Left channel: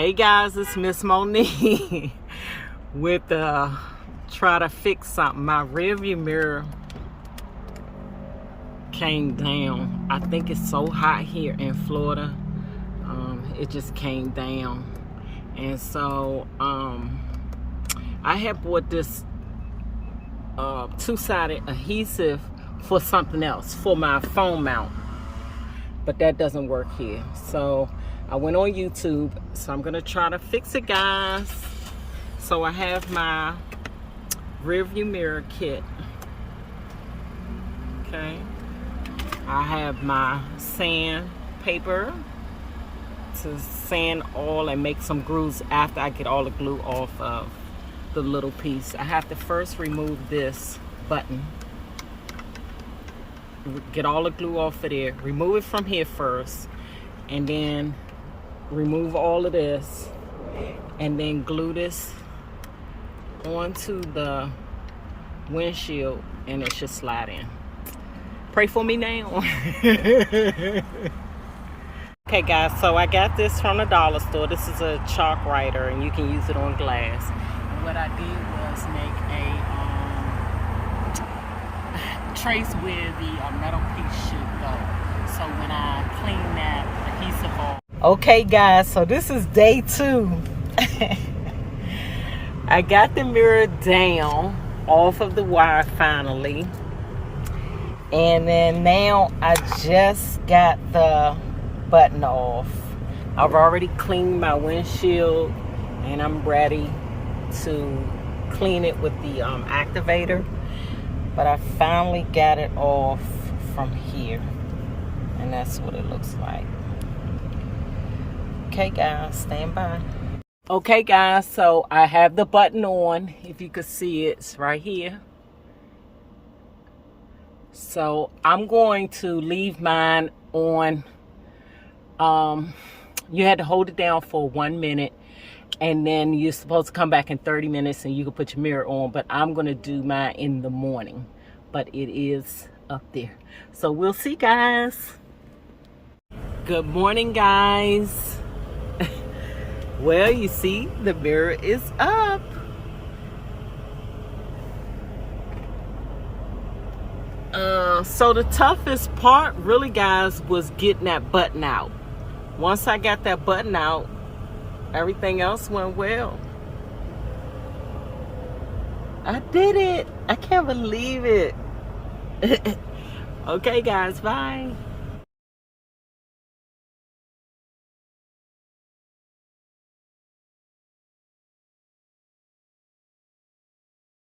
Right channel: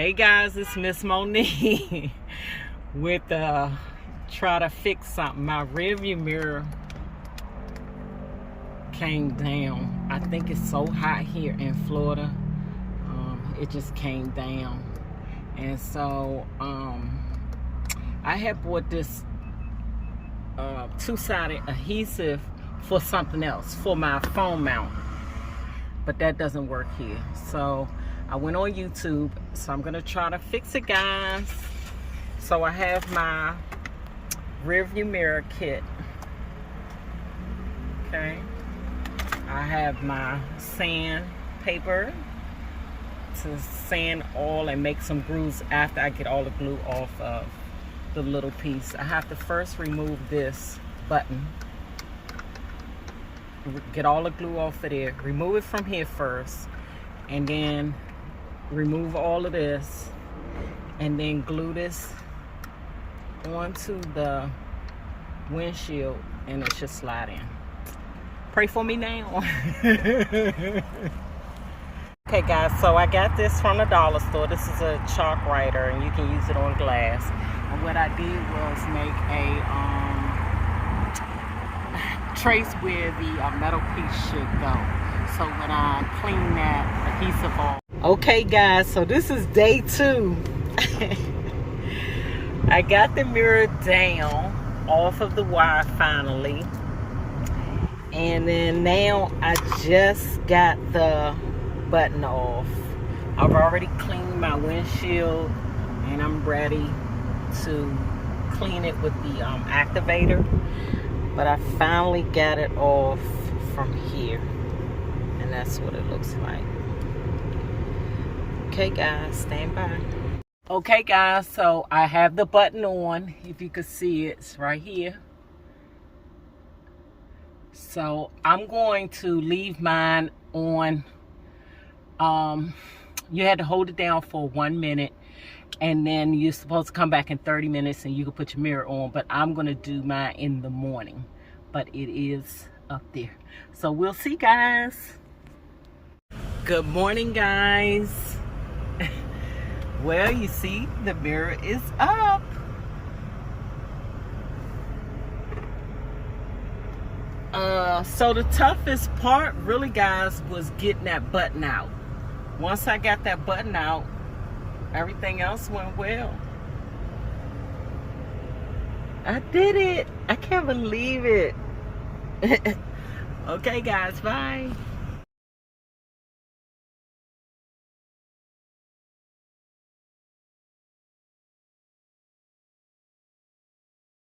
Hey guys, it's Miss Monique with try to fix something. My rearview mirror came down. I think it's so hot here in Florida. It just came down, and so I had bought this two-sided adhesive for something else, for my phone mount, but that doesn't work here. So I went on YouTube, so I'm gonna try to fix it, guys. So I have my rear view mirror kit. Okay, I have my sandpaper to sand all and make some grooves after I get all the glue off of the little piece. I have to first remove this button, get all the glue off of there, remove it from here first, and then remove all of this, and then glue this onto the windshield, and it should slide in. Pray for me now. Okay guys, so I got this from the dollar store. This is a chalk writer, and you can use it on glass. And what I did was make a trace where the metal piece should go. So when I clean that adhesive off. Okay guys, so this is day 2. I got the mirror down off of the wire finally. And then now I just got the button off. I've already cleaned my windshield, and I'm ready to clean it with the activator. But I finally got it off from here, and that's what it looks like. Okay guys, stand by. Okay guys, so I have the button on. If you could see it, it's right here. So I'm going to leave mine on. You had to hold it down for 1 minute, and then you're supposed to come back in 30 minutes and you can put your mirror on. But I'm gonna do mine in the morning, but it is up there. So we'll see, guys. Good morning, guys. Well, you see, the mirror is up. So the toughest part really, guys, was getting that button out. Once I got that button out, everything else went well. I did it. I can't believe it. Okay guys, bye.